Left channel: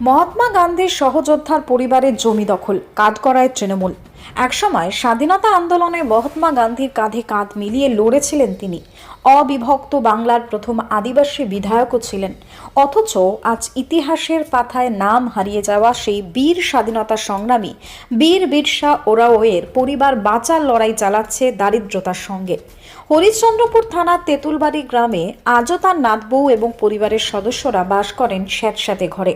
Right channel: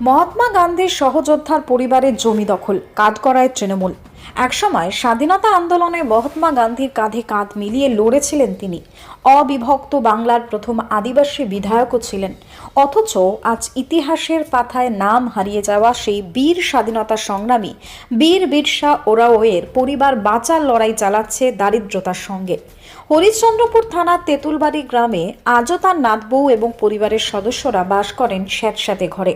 মহাত্মা গান্ধীর সহযোদ্ধার পরিবারের জমি দখল কাঠগড়ায় তৃণমূল। একসময় স্বাধীনতা আন্দোলনে মহাত্মা গান্ধীর কাঁধে কাঁধ মিলিয়ে লড়েছিলেন তিনি। অবিভক্ত বাংলার প্রথম আদিবাসী বিধায়কও ছিলেন। অথচ আজ ইতিহাসের পাতায় নাম হারিয়ে যাওয়া সেই বীর স্বাধীনতা সংগ্রামী বীর বিরসা ওরাওয়ের পরিবার বাঁচার লড়াই চালাচ্ছে দারিদ্রতার সঙ্গে। হরিশ্চন্দ্রপুর থানার তেঁতুলবাড়ি গ্রামে আজও তার নাতবউ এবং পরিবারের সদস্যরা বাস করেন স্যাঁতস্যাঁতে ঘরে।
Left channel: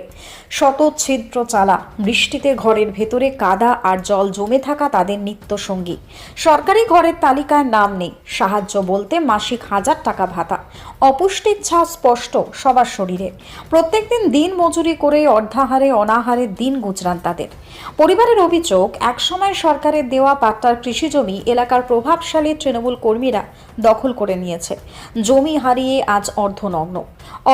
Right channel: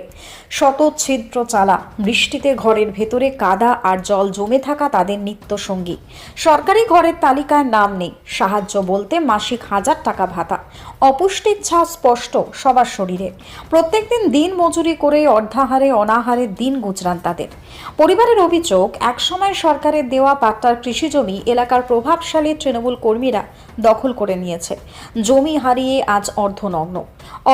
শত ছিদ্র চালা, বৃষ্টিতে ঘরের ভেতরে কাদা আর জল জমে থাকা তাদের নিত্য সঙ্গী। সরকারি ঘরের তালিকায় নাম নেই, সাহায্য বলতে মাসিক 1000 টাকা ভাতা। অপুষ্টির ছাপ স্পষ্ট সবার শরীরে। প্রত্যেকদিন দিন মজুরি করে অর্ধাহারে অনাহারে দিন গুজরান তাদের। পরিবারের অভিযোগ, একসময় সরকারের দেওয়া পাট্টার কৃষিজমি এলাকার প্রভাবশালী তৃণমূল কর্মীরা দখল করে নিয়েছে। জমি হারিয়ে আজ অর্ধনগ্ন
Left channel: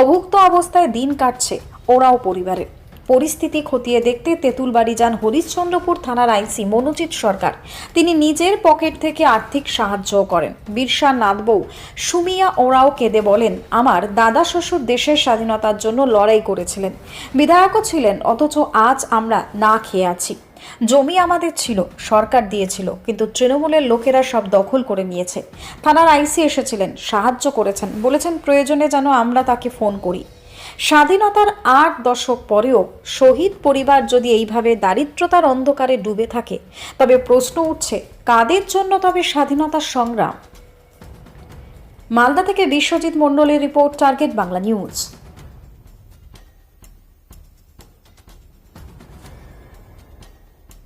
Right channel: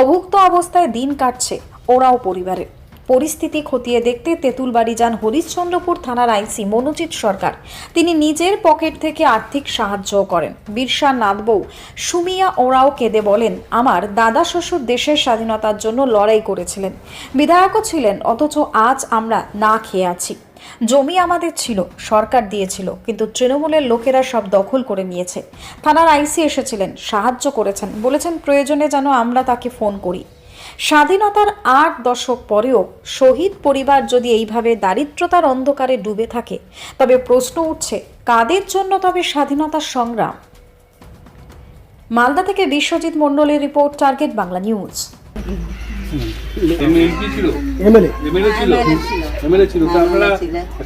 অভুক্ত অবস্থায় দিন কাটছে ওরাও পরিবারের। পরিস্থিতি খতিয়ে দেখতে তেঁতুলবাড়ি যান হরিশ্চন্দ্রপুর থানার আইসি মনোজিৎ সরকার। তিনি নিজের পকেট থেকে আর্থিক সাহায্যও করেন। বিরসা নাতবউ সুমিয়া ওরাও কেঁদে বলেন, আমার দাদা শ্বশুর দেশের স্বাধীনতার জন্য লড়াই করেছিলেন, বিধায়কও ছিলেন, অথচ আজ আমরা না খেয়ে আছি। জমি আমাদের ছিল, সরকার দিয়েছিল, কিন্তু তৃণমূলের লোকেরা সব দখল করে নিয়েছে। থানার আইসি এসেছিলেন, সাহায্য করেছেন, বলেছেন প্রয়োজনে যেন আমরা তাকে ফোন করি। স্বাধীনতার 8 দশক পরেও শহীদ পরিবার যদি এইভাবে দারিদ্রতার অন্ধকারে ডুবে থাকে, তবে প্রশ্ন উঠছে কাদের জন্য তবে স্বাধীনতার সংগ্রাম। মালদা থেকে বিশ্বজিৎ মণ্ডলের report, target Bangla news. MLA ছিল, তারপরে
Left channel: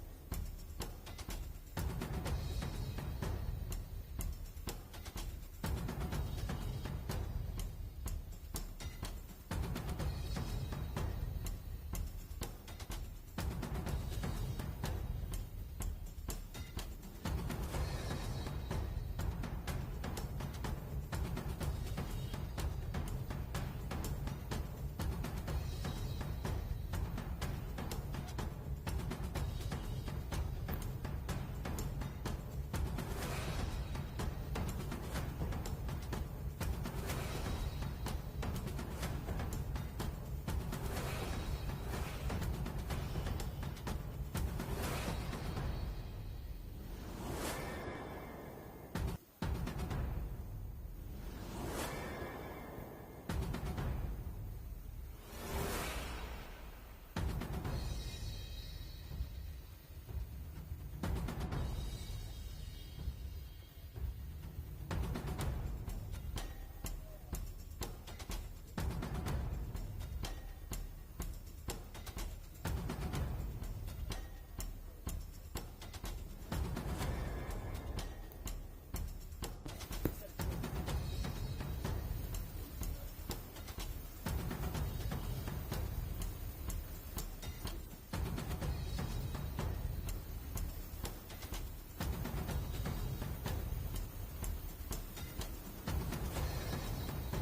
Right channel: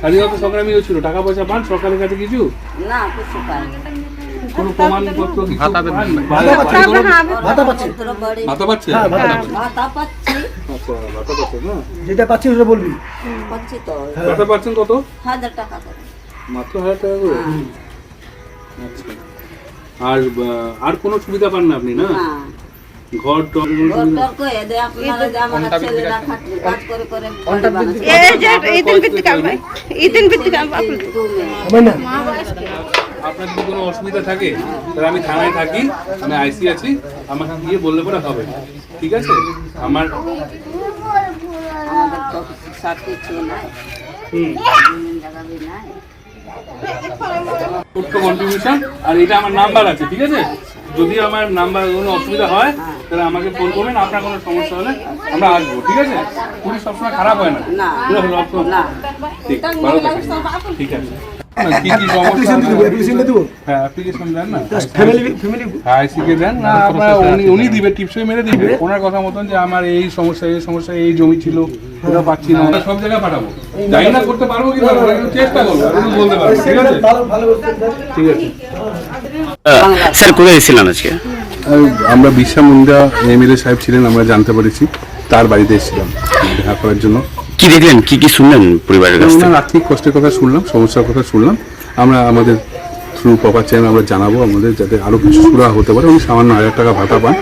স্বাধীনতা সংগ্রামীও ছিল। টাকা পয়সা পান সরকারের কাছে কিছু? না, কিছু পাই না। কোনো প্রমাণপত্র কিছু? ভাতা পাচ্ছে? ভাতা পাচ্ছে? ভাতা পাচ্ছি। আচ্ছা, ভাতা পাচ্ছে না? যেটা পাচ্ছি ওটা বলবি। পাচ্ছি তো। ভাতা পাচ্ছেন কত? 1000 টাকা করে। মাত্র 1000 টাকা করে? আচ্ছা। আর কোনো সুবিধা পান না আপনি? না, ঘর টর আপনার যদি কোনো অসুবিধা থাকে তাহলে আমি থানায় থাকি, আমি আইসি আছি, আমাকে গিয়ে বললে পরে হবে, ঠিক আছে? আমার ছোট্ট কন্ট্রিবিউশন, আর এটা আমার নাম্বার আছে, ঠিক আছে? যদি আমার নাম্বার কোনো অসুবিধা হয় তাহলে আমাকে ফোন করবেন। আপনার কোনো সমস্যা হলে আমরা আসবো, ঠিক আছে? পুলিশ সবসময় খারাপ হয় না, ঠিক, ভালো থাকেন, ঠিক আছে? কি কি সমস্যা? হ্যাঁ, অ্যাপ্লিকেশন দেন না, আইসিকে দেন না, আপনার উনি দিবে, টিপসই মেরে দিবে ওনার কথা মতন, যে আমার এই সমস্যা, এই সমস্যা, এই জমি ছিল, ওটা পাচ্ছি না, সব জায়গায় পাঠাবো। জানি না করতে পারবো কি পারবো না, কিন্তু চেষ্টা করবো, বলতে পারবো, ঠিক আছে? ঠিক আছে স্যার, কোথায় এসেছিলেন আজকে? আমরা বিরসা মুন্ডা এমএলএ সাহেব ছিলেন, আমরা জানতে পেরেছি, তার বাড়িতে এসেছিলাম দেখা করার জন্য। কি দেখলেন, কি কি শুনলেন পরিবারের কাছ থেকে? ওনার আর্থিক কষ্টের কথা শুনলাম, সমস্যার কথা শুনলাম। আমরা আমাদের থ্রু প্রপার চ্যানেল আমরা জানাবো আমাদের, যাতে আরও কিছু সুরাহা হতে পারে। উনি সামান্য 1000 টাকা ভাতা পান,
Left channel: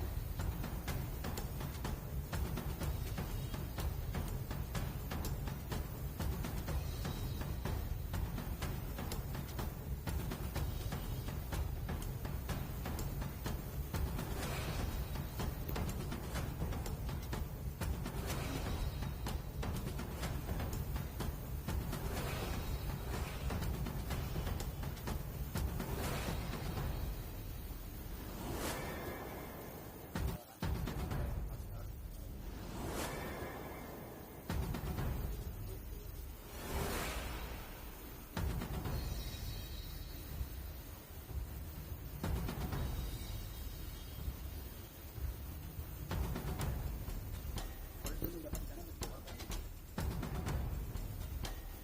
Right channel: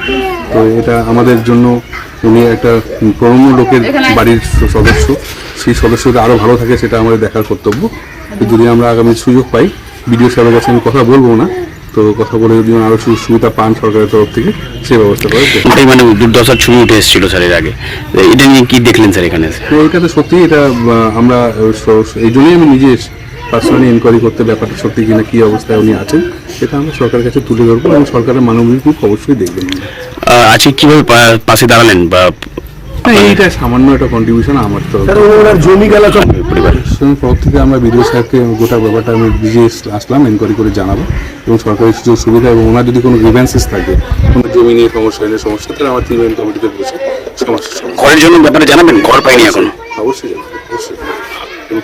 তো এটা আমাদের জন্য, উনি একটা প্রণম্য লোকের বাড়ির সদস্য, সেই সদস্যটা আরও ভালো থাকে সেটা আমাদের দেখার কর্তব্য। যদি আমরা আগামী সুযোগ পাই, বিডিও সাহেবের কাছে আমি কথা বলবো না, তো কথা বলে যদি আরো সুবিধা পান সরকারের তরফ থেকে, সেই ব্যবস্থা করে। এটাই মানে দুর্দশার ছবি উঠে এসেছিল স্যার এর আগে, এটা নিয়ে কি দেখলেন স্যার এখানে? এটা তো সত্যি, এটা আমরা এই জন্যই আমি নিজে পার্সোনালি ইনকোয়ারি করতে, ব্যাপারটা সত্যি কিনা, কি অবস্থায় উনি আছেন, সেটা আমরা সরকারের কাছে তুলে ধরবো এবং সরকারের মানবিক রূপ অবশ্যই দেখবেন। আজকে কিভাবে পাশে দাঁড়ালেন? বা এইটা সামান্য একটা কন্ট্রিবিউশন আমার তরফ জমি গেলা পরিবারের তরফ থেকে। আমরা বিডিও সাহেবকে গোটা ব্যাপারটা আমি বুঝিয়ে আসলাম, এনকোয়ারি করে জানাবো, এবং সরকারি সুযোগ সুবিধা এবং ওনার যদি কোনো গ্রিভেন্সেস থাকে, কোনো জমি নিয়ে সমস্যা হলে সমস্যা, তাহলে আমার টিম কমিটিতে বসে সমস্যা ঘরের জন্য ব্যাপারে জানাবেন, ঘর পাইনি এখন। অবশ্যই অবশ্যই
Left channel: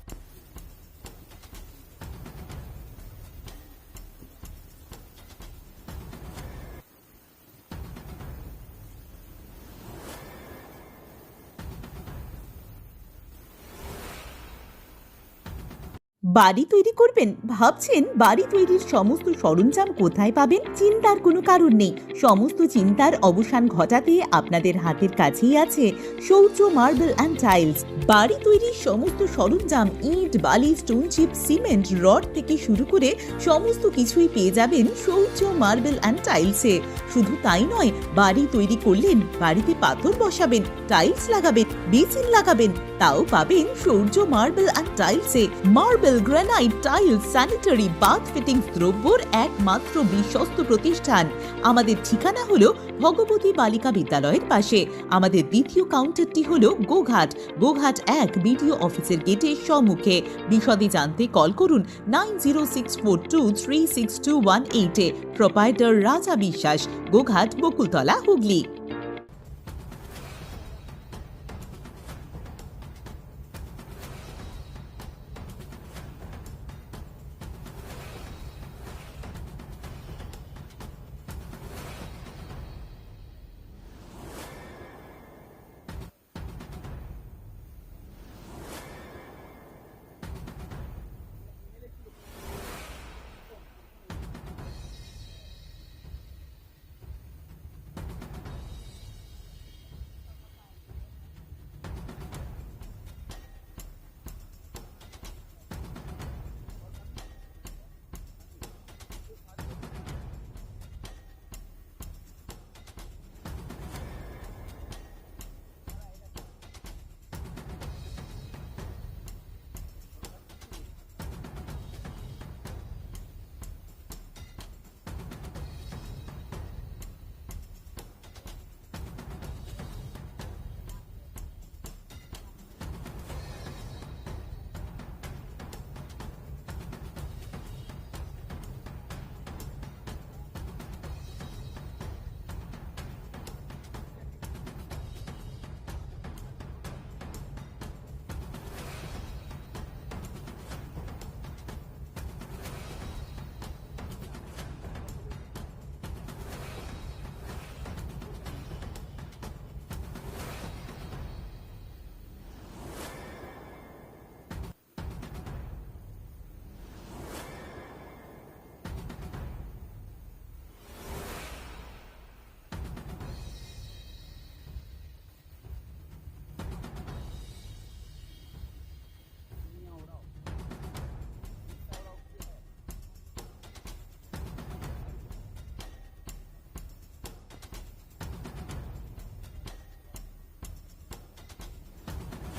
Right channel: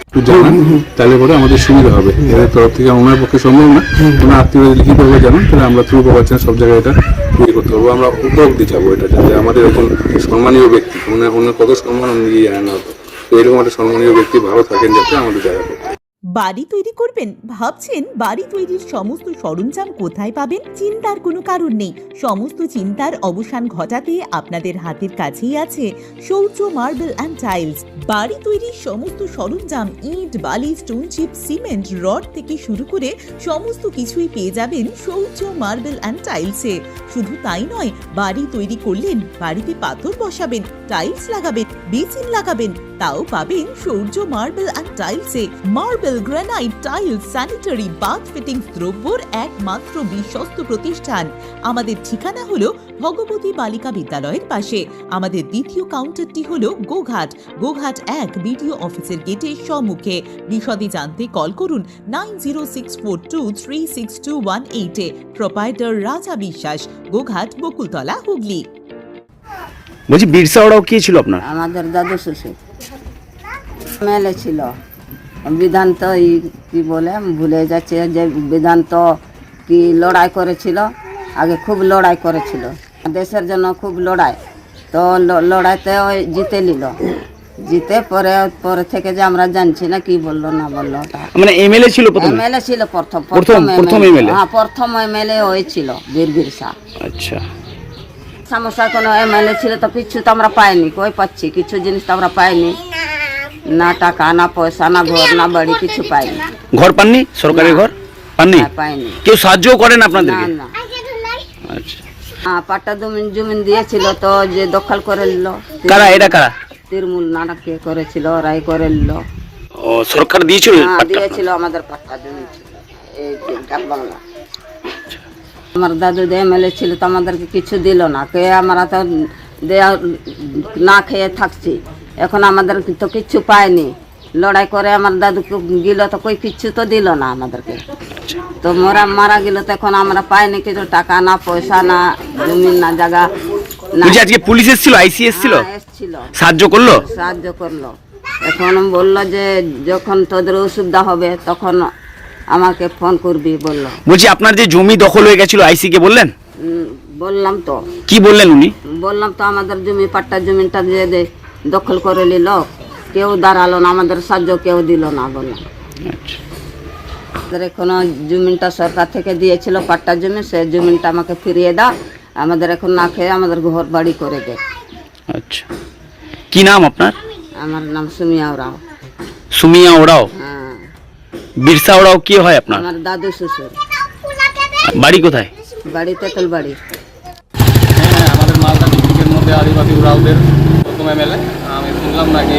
একটু জানান, তাহলে পরে আমাদের সুবিধা হবে। এদের তরফ থেকে ওনার পক্ষে সম্ভব না, ওনার আত্মীয় লিখিতভাবে জানান, তাহলে আমরা থ্রু পাচ্ছেন সব জায়গায় এটা ইয়ে করতে পারবো। আমরা উপভোগ দিয়ে যাবো এটা, যাতে আমাদের এখন সম্মানীয় ব্যক্তি, ওনার কত সম্মান নিজেই জানেন না, তো এরকম একটা সম্মানীয় ব্যক্তি ভালো থাকেন যাতে আমাদের জায়গা করতে। বাড়ি তৈরি করবেন? ভাবছেন বাড়ি তৈরির সমস্ত সরঞ্জাম কোথায় পাবেন? চিন্তার কোনো কারণ নেই। সমস্ত চিন্তার অবসান ঘটাতে আপনাদের হাতের কাছেই আছে শৌর্য মার্বেল অ্যান্ড টাইলস। বাড়ি তৈরির সমস্ত সরঞ্জাম, ইট, বালি, স্টোন চিপ, সিমেন্ট, রড থেকে শুরু করে সমস্ত কিছুই পেয়ে যাবেন শৌর্য মার্বেল অ্যান্ড টাইলসে। শুধু তাই নয়, বাড়ি তৈরি করলেন, বাড়িতে পাথর বসাবেন, টাইলস লাগাবেন, বেসিন লাগাবেন, তাও পাবেন শৌর্য মার্বেল অ্যান্ড টাইলসে। Marble, granite, tiles, sanitary, bath fittings দ্রব্যর একমাত্র বিশ্বস্ত প্রতিষ্ঠান। আমাদের ঠিকানা হলো ভগবতী বালিকা বিদ্যালয়ের পাশে। আমাদের দ্বিতীয় কাউন্টারটি হলো গোঘাট 1 বিডিও অফিসের গেটের সম্মুখে। বিশদে জানতে কল করুন 9064236218 প্রোপাইটার রাজা বিশ্বাস, গোঘাট, বকুলতলা, হুগলি। বলছি বিরসা ওরাও কি ছিল আপনার? আমাদের দাদু শ্বশুর মেলে ছিল। বিধান তো কি বলে আমি ভুলে যাচ্ছে, যে বিধান তো কি লড়াই করেছিল, আগে খুব লড়াই করেছিল দেশের জন্য, খুব লড়াই। তো লড়াইতে ওই জিতে নিল, জিতে পরে থেকে যে আমরা জানছি না কি বললো না বললো। মানে এমএলএ ছিল প্রথম? এমএলএ ছিল প্রথম এমএলএ। হ্যাঁ, প্রথম এমএলএ হয়েছিল বীর বিরসা। আচ্ছা, সমস্যা কোনো এমএলএ ছিল তো কিছু তো আমরা পাইনি, কই পাচ্ছি কিছু জিনিস তো আমরা পাইনি, না টাকা, না পয়সা, না ঘর, না বাড়ি, কিছু পাইনি। ঘর পাননি? সরকারি ঘর পাননি? হ্যাঁ, পাইনি। কেউ সাহায্য করেন না আপনাদেরকে? না। আচ্ছা, হ্যাঁ, পাট্টা জমিন দিয়েছিল তো, যে দখল করে নিল। কারা এটা কারা? তৃণমূল নাটকে করেছিল, রায় করে নিল। ও সরকার দিয়েছিল? হ্যাঁ, দিয়েছিল, আমাদের পাট্টা জমি ছিল এই ডাক বাংলা। আমার দাদু যে এমএলএ ছিল তো আমাদেরকে কিছু দিল না, কে আমরা তো না খেয়ে থাকছি। এখন আমাদের তো কিচ্ছু পাইনি, লড়াই করে আমার দাদুকে গেল তো কই কিচ্ছু তো দিল না আমাদেরকে। তো মারা গেল তো এখন আমরা পাইনি কিছু, টাকা না পয়সা, না জমি, না জায়গা না। বলছি আজকে পুলিশ এসেছিল, আইসি এসেছিল, এসেছিল, সাহায্য করলো? সাহায্য করলো। এখন বললো যে যখন তোদের অসুবিধা হবে তখন আমাকে ফোন করবি বললো। বলছি আপনার যে জমি দখল হয়ে গেছিল, আইসি কে বললেন? বললাম তো। কি বললেন উনি? বললাম তো আমাদের জমি, পাট্টা জমিটা যে দখল করে নিল, কেউ দাঁড়ালো না, আমাদের সাহায্য কেউ দিল না বললাম। আচ্ছা, আমাদের এখনো জমিটা সরকার থেকে দিয়েছিল, পাট্টা জমি, সে জমিটা আমাকে ফিরিয়ে দাও, আমাদের এখন না খেয়ে আমাদের ঘর বাড়ি করে দে। আচ্ছা, কি নাম আপনার? আমার নাম সুমিয়া ওরাও। সুমিয়া ওরাও? হ্যাঁ, বিরসা ওরাও কি হয় আপনার? আমার দাদু শ্বশুর। বাড়ি কোথায়? বাড়ি তেঁতুল বাড়ি। হ্যাঁ, আমাদের মালদা ডিস্ট্রিক্টের মধ্যে আদিবাসী উরাওদের প্রথম এমএলএ। আমি শুনলাম নাকি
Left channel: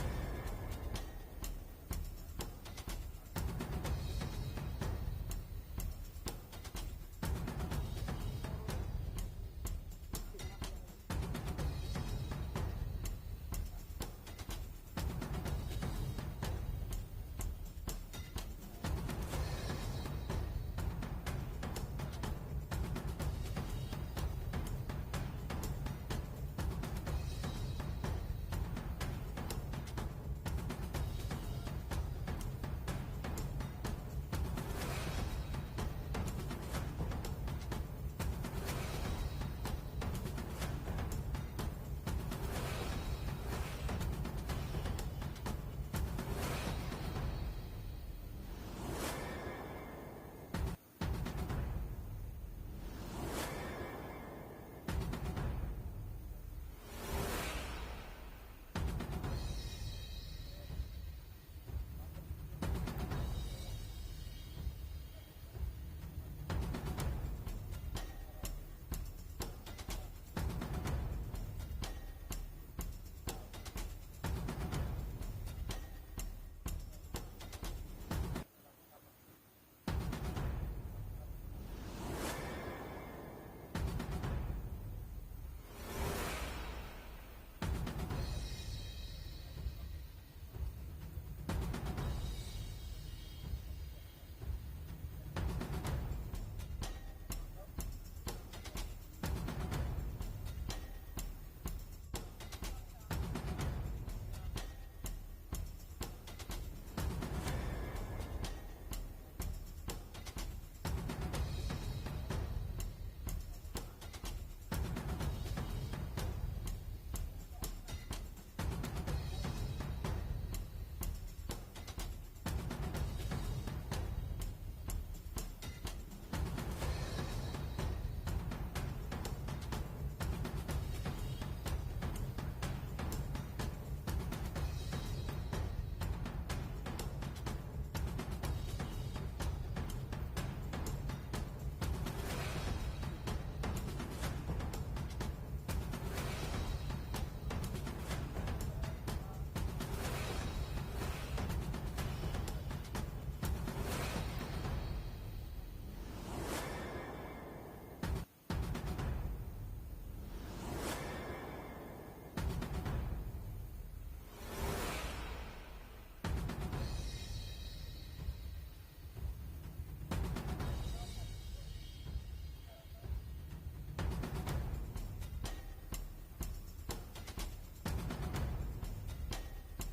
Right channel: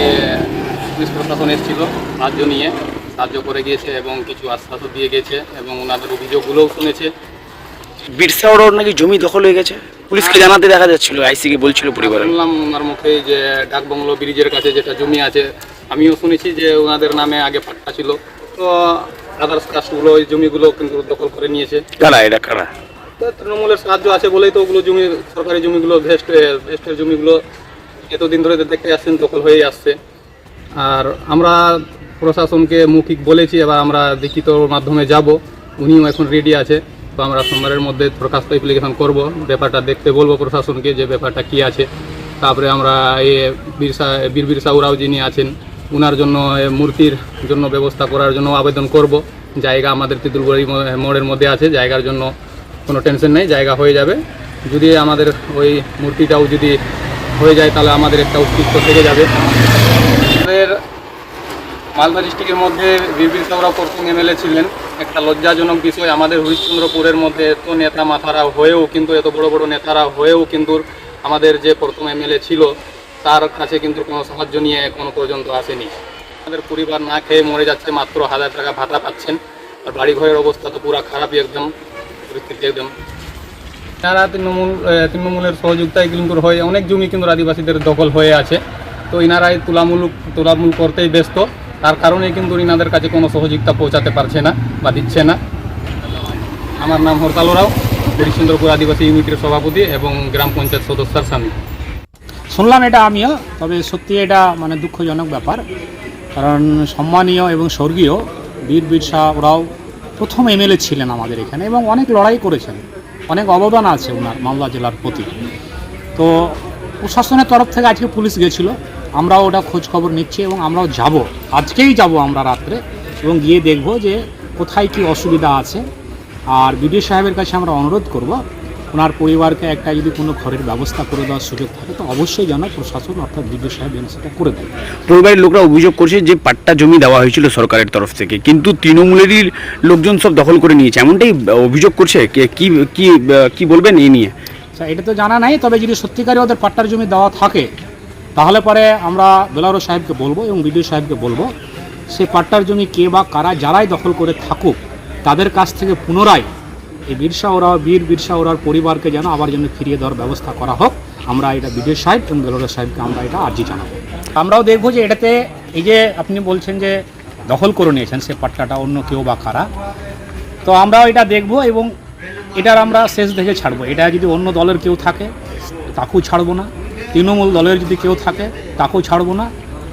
পুলিশ প্রশাসন এসেছিল সাহায্য নিয়ে, সাহায্য করে গিয়েছে এবং কিছু আশ্বাসও দিয়ে গেছে এবং ওনাদের অভিযোগগুলোও শুনেছে। বিরসা ওরাও নাকি জমি দখল হয়ে গেছে, পুলিশকে জানাতে দেখা যাচ্ছিল, আইসি কে বলছিল পরিবার। শুনলাম ওনার মুখে যে ডাকবাংলো ব্রিজের কাছে যেটা জমি আছে, আমিও শুনেছি যে ওনাদের নামে আগে পাট্টা ছিল, তো আদার্স কাস্টগুলো ওই জমিগুলো কিন্তু দখল করে নিয়েছে। কারা এটা কারা? তো তৃণমূলের সাহায্য আছে বলেই তো ওগুলো জমি, সরকারি জমিগুলো, ভেস্টের জমিগুলো এতদিন ধরে দেখতে আসছেন দখল হয়েই আসছে। আর আমরা প্রশাসনকে মৌখিক বলেছি, এবার আমরা লিখিত মাধ্যমে যাব, উনিও এখন রেডি আছে। তো আমরা সোমবারের মধ্যে দরখাস্ত অ্যাপ্লিকেশন করব, ব্যাপারটা দেখতে বলবো প্রশাসনকে যে ব্যাপারটা কি আছে। তারপরে আমরা বীর বিরসা ওরাও যিনি আছেন ওনার জন্য মূর্তির জন্য ব্যবস্থা করার জন্য আবেদন করব। জায়গা আমাদের তেঁতুলবাড়ি মোড়ের মধ্যে আছে, জায়গার জন্য কোনো টেনশন নেই, জায়গা হয়ে যাবে। যদি আমাদের ওই মূর্তিটাও যদি হয়ে যায় তাহলে আমাদের একটা অস্তিত্ব থেকে যাবে। আমাদের মালদা ডিস্ট্রিক্টের মধ্যে বীর বিরসা ওরাও প্রথম এমএলএ ছিলেন। একটা লজ্জাজনক বিষয়, আমাদের হরিশ্চন্দ্রপুরের মধ্যে এত নেতা মাথারা হয়েও কিন্তু, এত বড় বড় নেতারা হয়েও কিন্তু আমাদের যে প্রথম এমএলএ ছিল তার কাছে কিন্তু কোনো সাহায্য নিয়ে এখনো পর্যন্ত আসেনি। আমাদের পরিবার না খেয়ে মরে যাচ্ছে, মাত্র 1000 টাকা ভাতা পাচ্ছেন, আর বাড়ি ঘরের অবস্থা তো পুরো খারাপই, একদম পরিস্থিতি একদম। তারা তৃণমূলের সহযোগিতায় কিন্তু হয়, অনেক জমি কিন্তু আদিবাসীদের দখল হয়ে আছে। তো ইনারাই তুলামূল করতেই ব্যস্ত, তার কারণে কিন্তু ইনাদের কাছে কোনো সহযোগিতা পৌঁছাতে পারছে না বা দিচ্ছে না। আমার নাম হরতাল ওরাও, হরিশ্চন্দ্রপুর আদিবাসী ইউনিটের সভাপতি এবং গ্রাম পঞ্চায়েত সদস্যর স্বামী। শুনলাম এটা আমিও, তবে সত্যি এটা মানে দুঃখজনক ব্যাপার, কারণ সম্মানীয় এবং স্বর্গীয় বীর বিরসা ওরাও প্রথম এমএলএ ছিলেন আমাদের এখানে এবং অনেক লড়াই করেছেন, অনেক অবদান আছে ওনার মালদা জেলার প্রতি। তো প্রশাসনের তরফ থেকে আজকে পুলিশ গেছিলো, আমরাও ওটা খোঁজ খবর নিচ্ছি এবং আমরাও যাব, আজকেই যাব আমরা রাত্রে, এবং গিয়ে দেখব যে কোথায় কি অসুবিধা আছে। আর বিডিও সাহেবের কাছে আমরা অনুরোধ করব ওনার পরিবারকে একটা যদি কোনো ঘরের ব্যবস্থা করে দেওয়ার সুযোগ থাকে তো অবশ্যই যেন প্রশাসন অর্থাৎ বিডিও সাহেব যেন সেটা করে দেয়। পরিবারের লোকরা অভিযোগ করছে যে পাট্টা জমি দেওয়া হয়েছিল সরকারের তরফ থেকে, কিন্তু তৃণমূলেরই লোকজন সব দখল করে নিয়েছে, এমনটাই অভিযোগ করছে। কি কি কি বলবেন এই নিয়ে? আচ্ছা, এটা তো জানা নাই, তবে যদি সত্যিকারই ওদের পাট্টার জমি দেওয়া থাকে তাহলে পরে আমরা বেলারো সাহেবকে বলবো এবং বিডিও সাহেবকে বলবো সেই পাট্টার জমি কে বা কারা যারাই দখল করে থাকুক তাদের কাছ থেকে পুনরায় এই বীর বিরসা ওরার পরিবারকে যেন আবার যেন ফিরিয়ে দেওয়ার ব্যবস্থা করা হোক। আমরা এটা বিডিও সাহেব এবং বেলারো সাহেবকে আমরা এটা আর্জি জানাবো। আমরাও দেখবো যে এটাতে এই যে আপনি বলছেন যে দখল করে নিয়েছেন সে পাট্টাটা অন্য কেউ বা কারা, তো আমরাও এটা দেখবো এবং এটার আমরা শেষ দেখে ছাড়বো। এটা যদি অন্য দলের কেউ থাকে তাকেও ছাড়বো না, তৃণমূল দলের যদি কেউ থাকে তাকেও ছাড়বো না,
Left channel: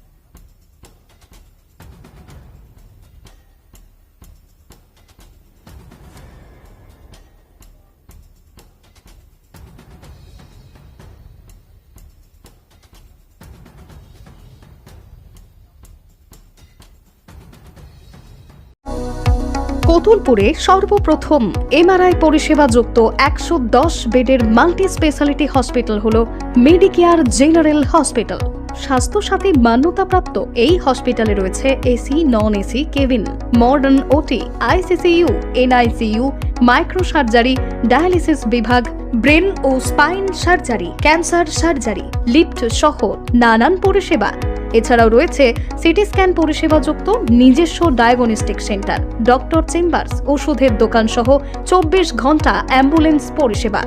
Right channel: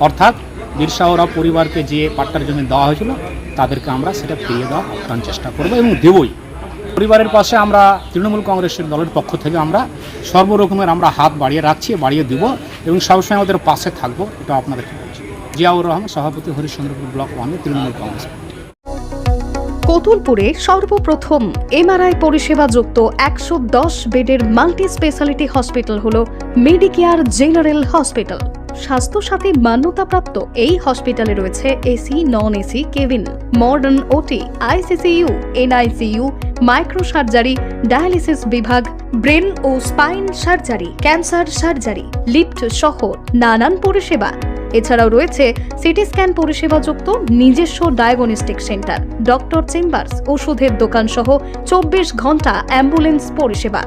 অর্থাৎ বিরসা ওরা পরিবারকে যে পাট্টার জমি দেওয়া হয়েছিল তাদেরকে আমরা সেটা ফিরিয়ে দেওয়ার আপ্রাণ চেষ্টা করবো এবং দেবই। পরিবারের পাশে আমরা তৃণমূল কংগ্রেসের দলের পক্ষ থেকে আমরা সর্বরকমের আমরা হাত বাড়িয়ে দিব এবং সবসময় আমাদের পাশে থাকবো, এটা আপনাদেরকে বলছি। জিয়াউর রহমান, সভাপতি, হরিশ্চন্দ্রপুর ব্লক 1, তৃণমূল কংগ্রেস। কতুলপুরে সর্বপ্রথম এমআরআই পরিষেবা যুক্ত 110 বেডের মাল্টি স্পেশালিটি হসপিটাল হল মেডিকেয়ার জেনারেল হসপিটাল। স্বাস্থ্যসাথী মান্যতাপ্রাপ্ত এই হসপিটালে রয়েছে AC, non AC cabin, modern OT, ICCU, NICU, micro surgery, dialysis বিভাগ, ব্রেন ও spine surgery, cancer surgery, lift সহ নানান পরিষেবা। এছাড়াও রয়েছে সিটি স্ক্যান পরিষেবা যুক্ত নিজস্ব ডায়াগনস্টিক সেন্টার, ডক্টর চেম্বার্স, ওষুধের দোকান সহ 24 ঘন্টা অ্যাম্বুলেন্স পরিষেবা,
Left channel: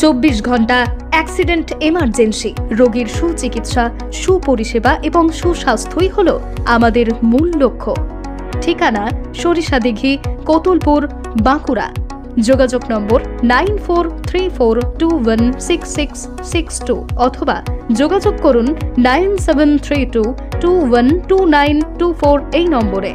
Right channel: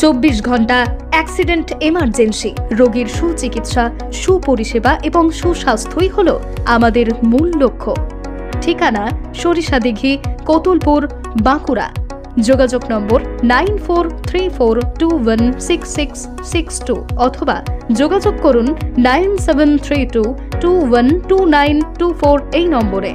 24 ঘন্টা অ্যাক্সিডেন্ট এমার্জেন্সি। রোগীর সুচিকিৎসা, সুপরিষেবা এবং সুস্বাস্থ্যই হল আমাদের মূল লক্ষ্য। ঠিকানা সরিষাদিঘি, কতুলপুর, বাঁকুড়া। যোগাযোগ নম্বর 9434216662 অথবা যোগাযোগ করুন 9732212924 এই নম্বরে।